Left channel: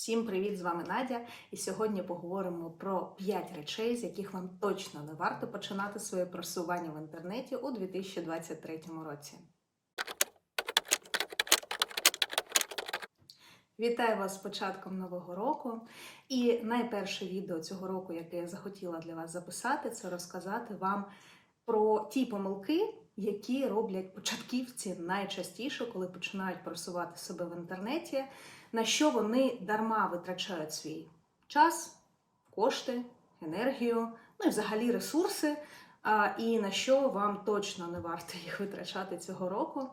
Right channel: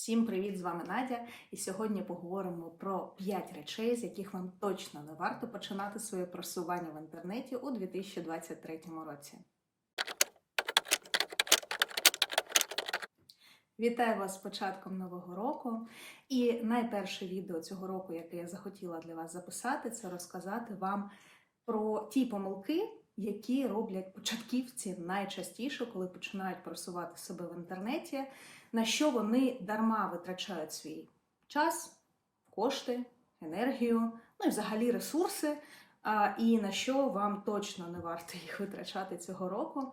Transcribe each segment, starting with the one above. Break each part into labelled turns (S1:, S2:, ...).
S1: Всім привіт! З вами Надя. І сьогодні поговоримо про 5 речей, з яких вам точно не варто починати своє просування в інтернеті у 2023 році. Вітаю вас з початком нового року. І найперше відео цього року, яке я захотіла для вас записати, це розказати вам про ті помилки, які роблять початківці найчастіше, коли починають просувати себе в інтернеті, на що вони дарма витрачають свій час, кошти, енергію, ну і взагалі ресурси, і на що вам точно не варто їх витрачати цього року.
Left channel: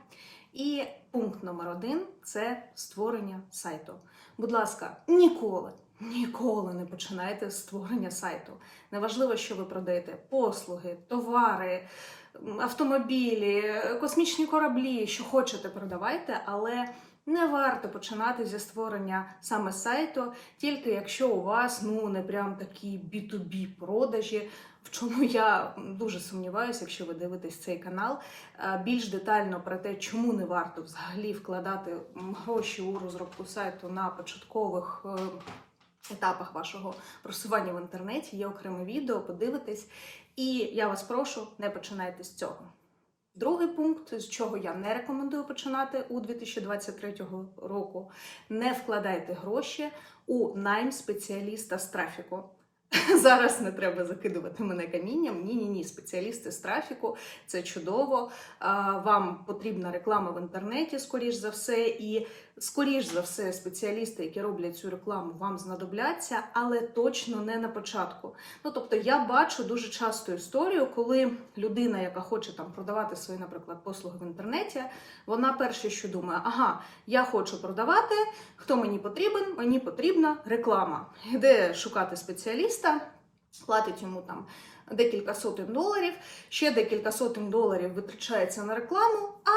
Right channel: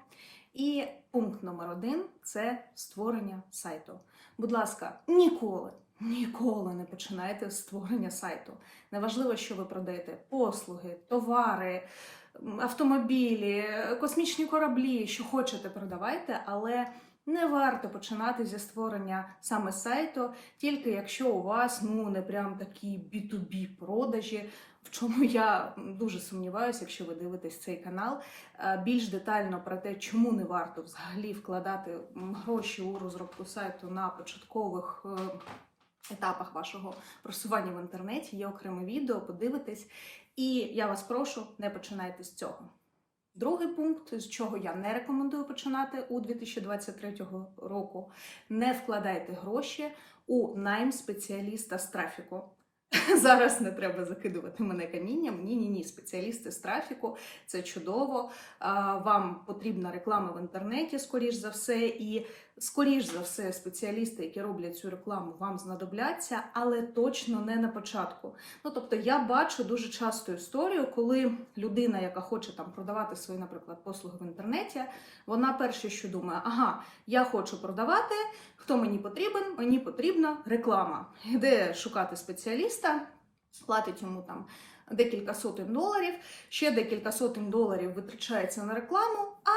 S1: І пункт номер один це створення сайту. Будь ласка, ніколи, ніколи не починайте з створення сайту. Неважливо, що ви продаєте послуги, товари, автомобілі, космічні кораблі, що хочете, продавайте, але не варто починати зі створення саме сайту, тільки якщо у вас ну не прям такі B2B продажі. В чому я дуже сумніваюся, якщо ви дивитесь цей канал. Е, Більш детально про те, чому не варто взагалі вкладати гроші у розробку сайту на початкових е, етапах вашого просування в інтернеті. Є окреме відео, подивитесь. І я вас прошу, не починайте з цього. Другий пункт, з чого я не рекомендую починати у 2023 року, не вкладайте гроші у найм спеціаліста з трафіку. Зараз не треба закидувати мене камінням. Ні, ні, ні, спеціалісти з трафіку це чудово. Вам потрібна реклама в інтернеті, скоріш за все, і скоріш за все, спеціалісти, які роблять цю рекламу, вам знадобляться, але точно не на початку. Ну тобто, я бачу дуже часто історію, коли людина, яка хоче там продавати свої, наприклад, послуги в інтернеті, вона перше, що думає, ага, я хочу продавати. Хто мені потрібен? Мені потрібна реклама. Йде шукати спеціаліста, платить йому там декілька сотень доларів, ще декілька сотень доларів витрачається на рекламу, а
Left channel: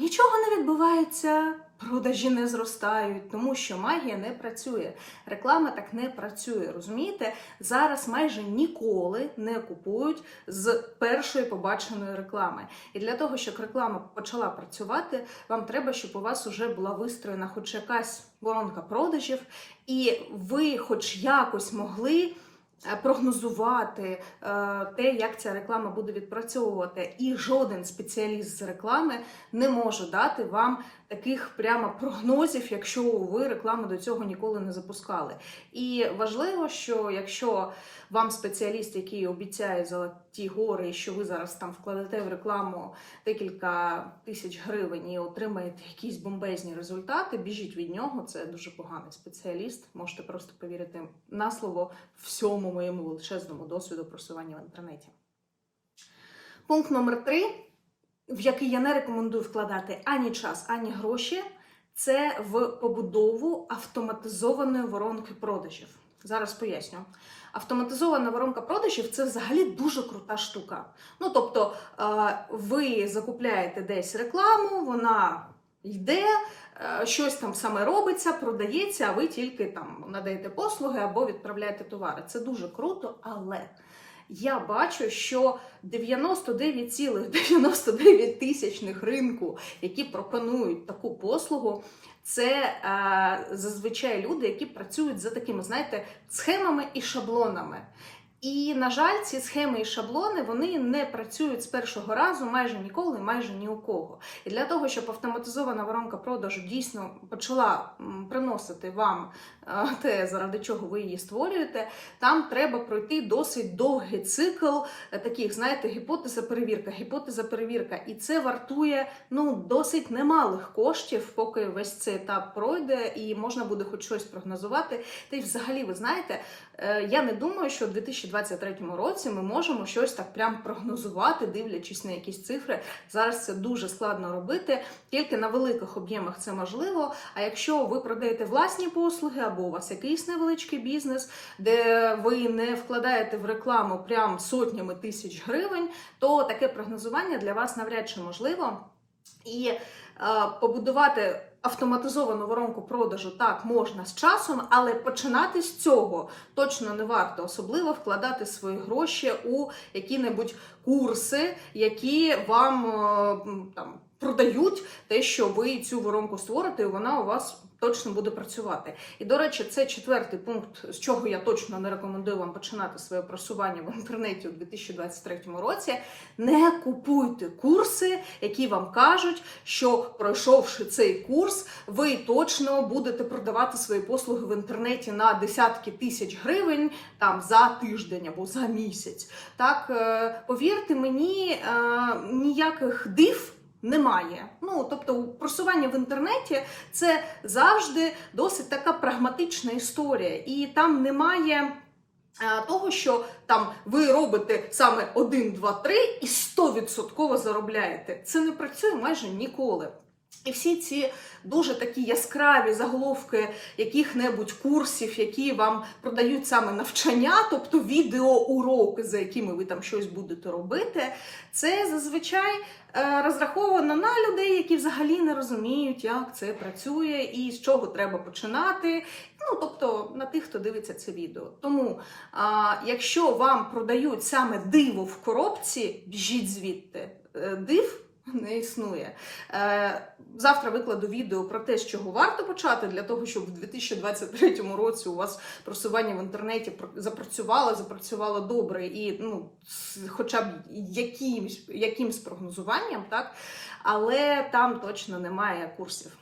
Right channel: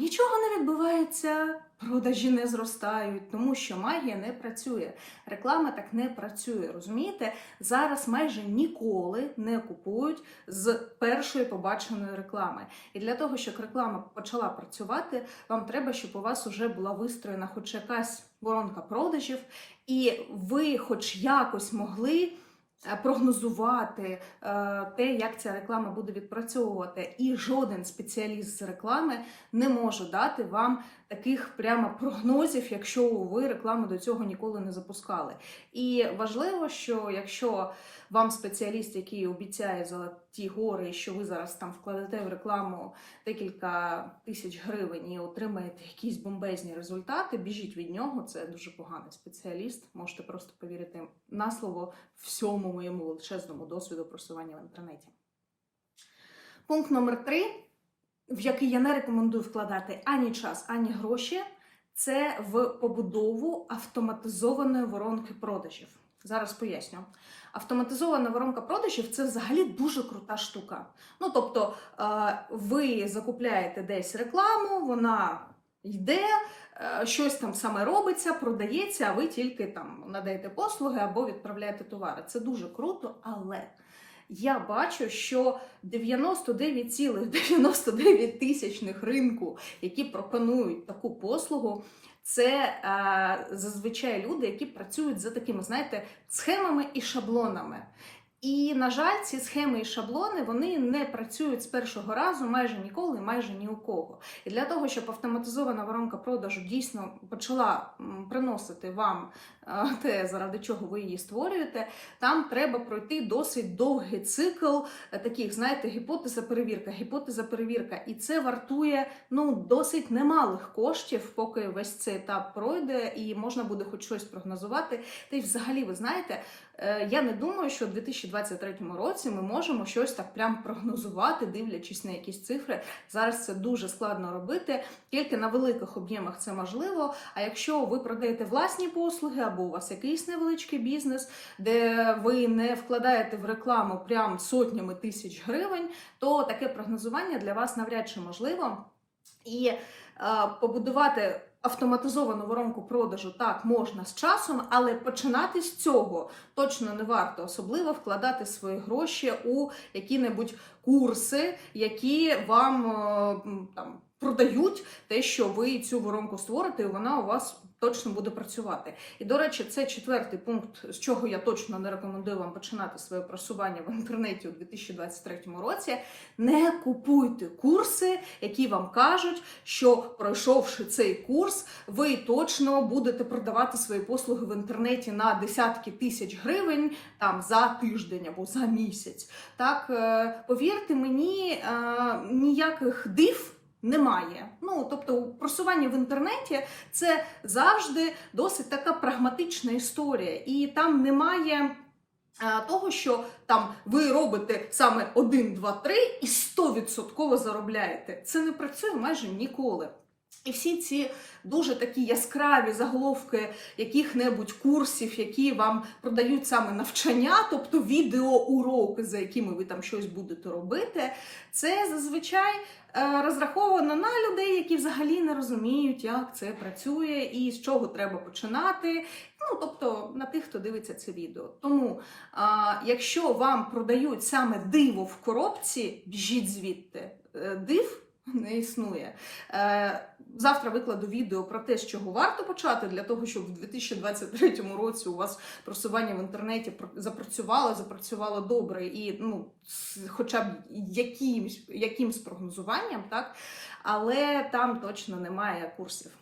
S1: нічого не відбувається. Продажі не зростають, тому що магія не працює. Реклама так не працює. Розумієте? Зараз майже ніколи не купують з першої побаченої реклами. І для того, щоб реклама почала працювати, вам треба, щоб у вас вже була вистроєна хоч якась воронка продажів, і ви, хоч якось могли. Е, Прогнозувати е, те, як ця реклама буде відпрацьовувати, і жоден спеціаліст з реклами не може дати вам таких прямо прогнозів, якщо ви рекламу до цього ніколи не запускали. І важливо, що якщо вам спеціаліст, який обіцяє золоті гори, що ви зараз там вкладете в рекламу декілька тисяч гривень і отримаєте якісь бомбезні результати, біжіть від нього. Це дуже поганий спеціаліст. Можете просто повірити на слово всьому моєму величезному досвіду просування в інтернеті. Пункт номер три, в який я не рекомендую вкладати ані час, ані гроші, це в побудову автоматизованої воронки продажів. Зараз поясню. Автоматизована воронка продажів це взагалі дуже крута штука. Ну тобто, е, ви закупляєте десь рекламу, вона йде, е, щось там саме робиться, продається, а ви тільки там надаєте послуги або відправляєте товари. Це дуже круто, але я бачу, що 99,99 тисячних ринку, які пропонують таку послугу, це е, зазвичай люди, які працюють за такими, знаєте, схемами і шаблонами. І, на жаль, ці схеми і шаблони вони не працюють з першого разу майже ніколи, майже ні у кого. І для того, щоб автоматизована воронка продажу дійсно почала приносити вам е, те, заради чого ви її створюєте, там треба пройти досить довгий цикл е, таких, знаєте, гіпотеза перевірка, гіпотеза перевірка. І це вартує ну досить немалих коштів, поки весь цей етап пройде, і можна буде хоч щось прогнозувати. Та й взагалі, ви знаєте, е, я не думаю, що у 2023 році ми можемо щось так прям прогнозувати, дивлячись на якісь цифри. Зараз це дуже складно робити. Тільки на великих об'ємах це можливо. А якщо ви продаєте власні послуги, або у вас якийсь невеличкий бізнес, де ви не вкладаєте в рекламу прям сотнями тисяч гривень, то таке прогнозування для вас навряд чи можливо. І е, побудувати автоматизовану воронку продажу так можна з часом, але починати з цього точно не варто, особливо вкладати свої гроші у які-небудь курси, які вам е, там продають те, що ви цю воронку створите, і вона у вас точно буде працювати. І до речі, це четвертий пункт, з чого я точно не рекомендую вам починати своє просування в інтернеті у 2023 році. Не купуйте курси, які вам кажуть, що пройшовши цей курс, ви точно будете продавати свої послуги в інтернеті на десятки тисяч гривень там за тиждень або за місяць. Так е, повірте мені, е, ніяких див. Немає. Ну, тобто, просування в інтернеті це завжди досить така прагматична історія, і там немає е, того, що там ви робите саме 1, 2, 3 і 100% заробляєте. Це не працює майже ніколи. І всі ці дуже такі яскраві заголовки яких-небудь курсів, які вам продають саме навчання, тобто відеоуроки, за якими ви там щось будете робити, це зазвичай е, розраховано на людей, які взагалі не розуміють, як це працює і з чого треба починати. Ну, тобто на тих, хто дивиться це відео. Тому, а, якщо вам продають саме диво в коробці, біжіть звідти. Е, Див не існує. Завтра викладу відео про те, з чого варто почати для того, щоб в 2023 році у вас просування в інтернеті запрацювало, запрацювало добре і ну, хоча б якимсь, якимсь прогнозуванням, так? але там точно немає курсів.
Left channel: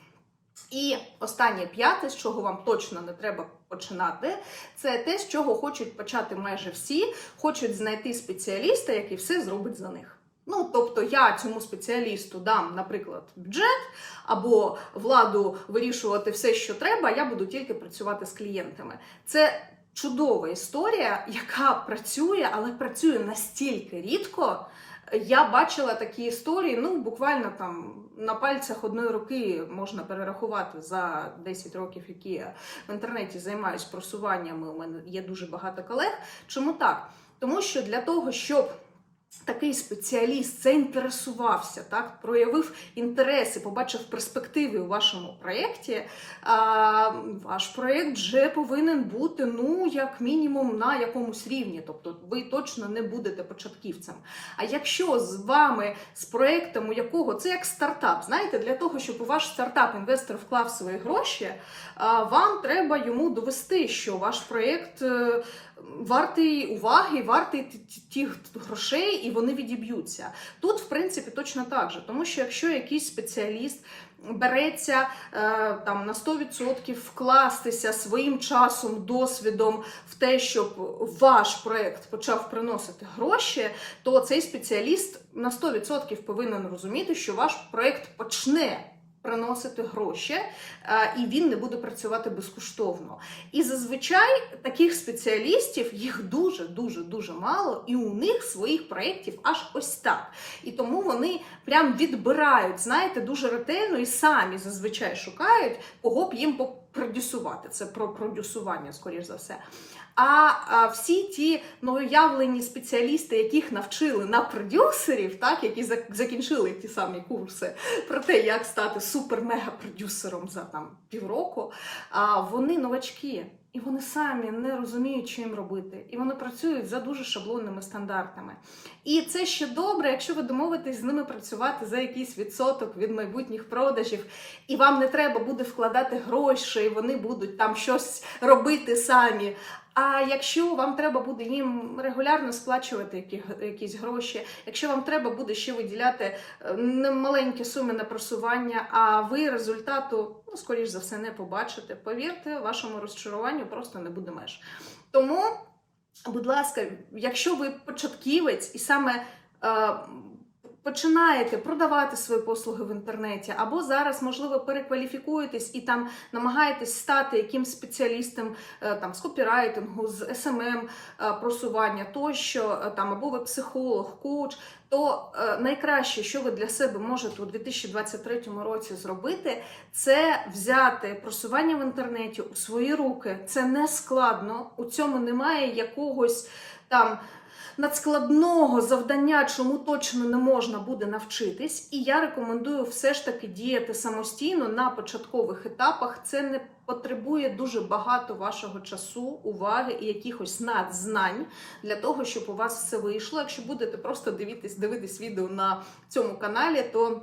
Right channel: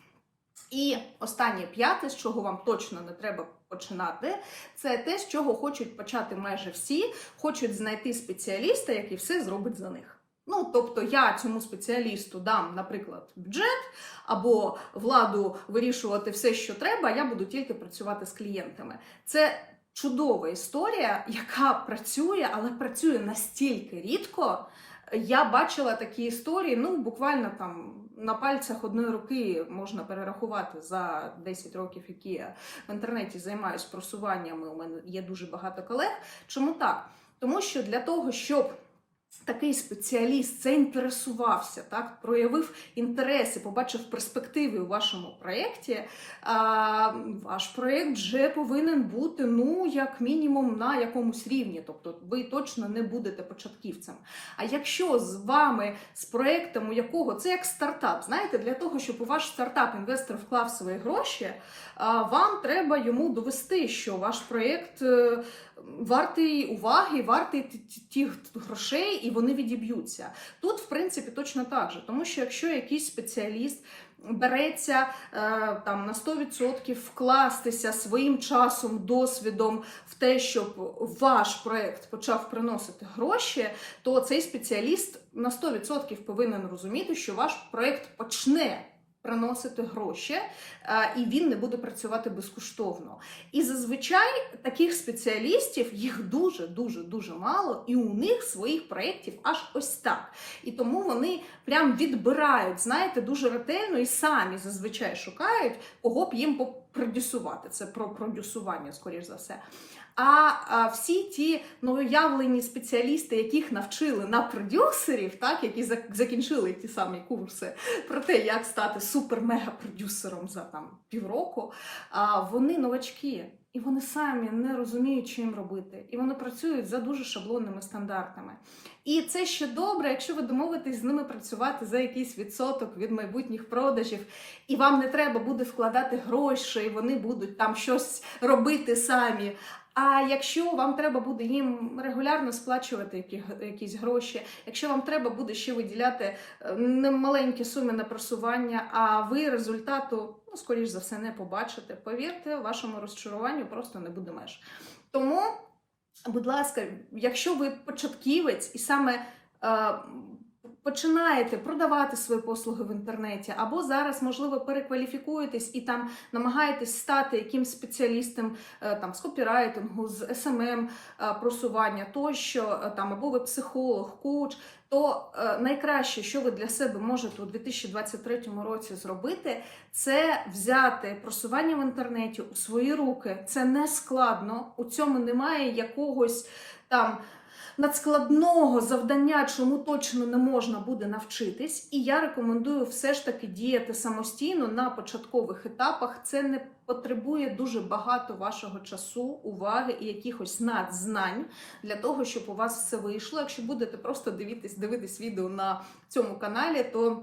S1: І останнє п'яте, з чого вам точно не треба починати, це те, з чого хочуть почати майже всі, хочуть знайти спеціаліста, який все зробить за них. Ну, тобто я цьому спеціалісту дам, наприклад, бюджет або владу вирішувати все, що треба, я буду тільки працювати з клієнтами. Це чудова історія, яка працює, але працює настільки рідко. Я бачила такі історії, ну буквально там на пальцях одної руки можна перерахувати за 10 років, які я в інтернеті займаюсь просуваннями. У мене є дуже багато колег. Чому так? Тому що для того, щоб такий спеціаліст заінтересувався, так, проявив інтереси, побачив перспективи у вашому проєкті, ваш проєкт вже повинен бути, ну, як мінімум, на якомусь рівні. Тобто ви точно не будете початківцем. А якщо з вами, з проєктом, у якого це як стартап, знаєте, для того, щоб у ваш стартап інвестор вклав свої гроші, вам треба йому довести, що ваш проєкт. е, Вартий уваги, вартий тих грошей, і вони відіб'ються. Тут, в принципі, точно так же, тому що якщо якийсь спеціаліст береться е, там на 100% вкластися своїм часом, досвідом в те, щоб ваш проект почав приносити гроші, то цей спеціаліст на 100% повинен розуміти, що ваш проект почне. Приносити гроші, е, і він не буде працювати безкоштовно. І зазвичай таких спеціалістів їх дуже дуже дуже мало, і у них своїх проєктів аж ось так. І тому вони прям відбирають, знаєте, дуже ретельно і самі зазвичай шукають, кого б їм продюсувати. Це про продюсування, скоріш за все. А, всі ті новоявлені спеціалісти, яких навчили на продюсерів, так які закінчили ті самі курси про те, як стати супер-мега-продюсером за там півроку, вони новачки. І вони самі не розуміють, що їм робити. І вони працюють за дуже шаблонними стандартами. І це ще добре, якщо ви домовитесь з ними працювати за якийсь відсоток від майбутніх продажів, і вам не треба буде вкладати гроші, і вони будуть там щось робити самі. А якщо вам треба буде їм регулярно сплачувати які, якісь гроші, якщо вам треба буде ще виділяти е, немаленькі суми на просування, а ви результату, ну, скоріш за все, не побачите, повірте, вашому розчаруванню просто не буде меж. Тому, будь ласка, якщо ви початківець і саме. Починаєте продавати свої послуги в інтернеті, або зараз, можливо, перекваліфікуєтесь і там намагаєтесь стати якимсь спеціалістом е, там з копірайтингу, з СММ е, просування, тощо е, там або ви психолог, коуч, то найкраще, що ви для себе можете у 2023 році зробити, це взяти просування в інтернеті у свої руки. Це не складно. У цьому немає якогось там надскладного завдання, чому точно не можна буде навчитись. І я рекомендую все ж таки діяти самостійно на початкових етапах. Це не потребує дуже багато вашого часу, уваги і якихось надзнань для того, щоб у вас все вийшло. Якщо будете просто дивитись, дивитись відео на цьому каналі, то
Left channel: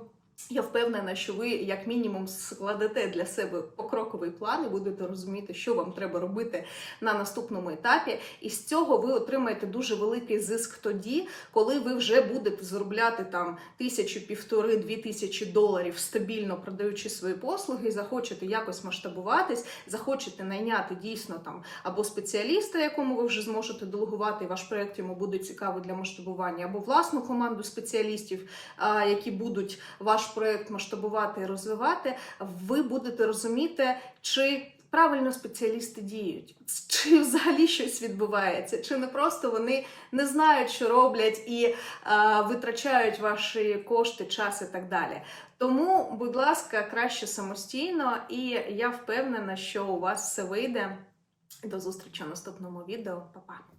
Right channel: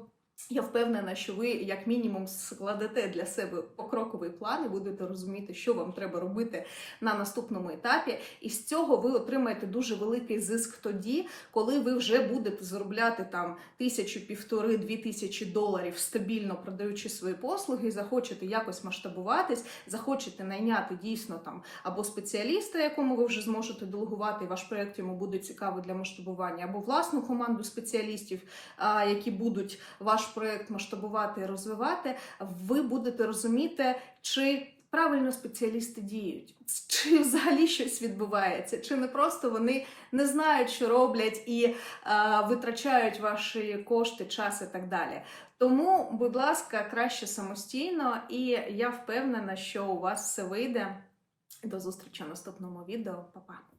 S1: Я впевнена, що ви, як мінімум, складете для себе покроковий план і будете розуміти, що вам треба робити на наступному етапі. І з цього ви отримаєте дуже великий зиск тоді, коли ви вже будете заробляти там тисячу, півтори, дві тисячі доларів стабільно продаючи свої послуги, захочете якось масштабуватись, захочете найняти дійсно там або спеціаліста, якому ви вже зможете делегувати, і ваш проект йому буде цікавий для масштабування, або власну команду спеціалістів, які будуть ваш проект масштабувати і розвивати, ви будете розуміти, чи правильно спеціалісти діють, чи взагалі щось відбувається, чи не просто вони не знають, що роблять, і е, витрачають ваші кошти, час і так далі. Тому, будь ласка, краще самостійно, і я впевнена, що у вас все вийде. До зустрічі в наступному відео. Па-па!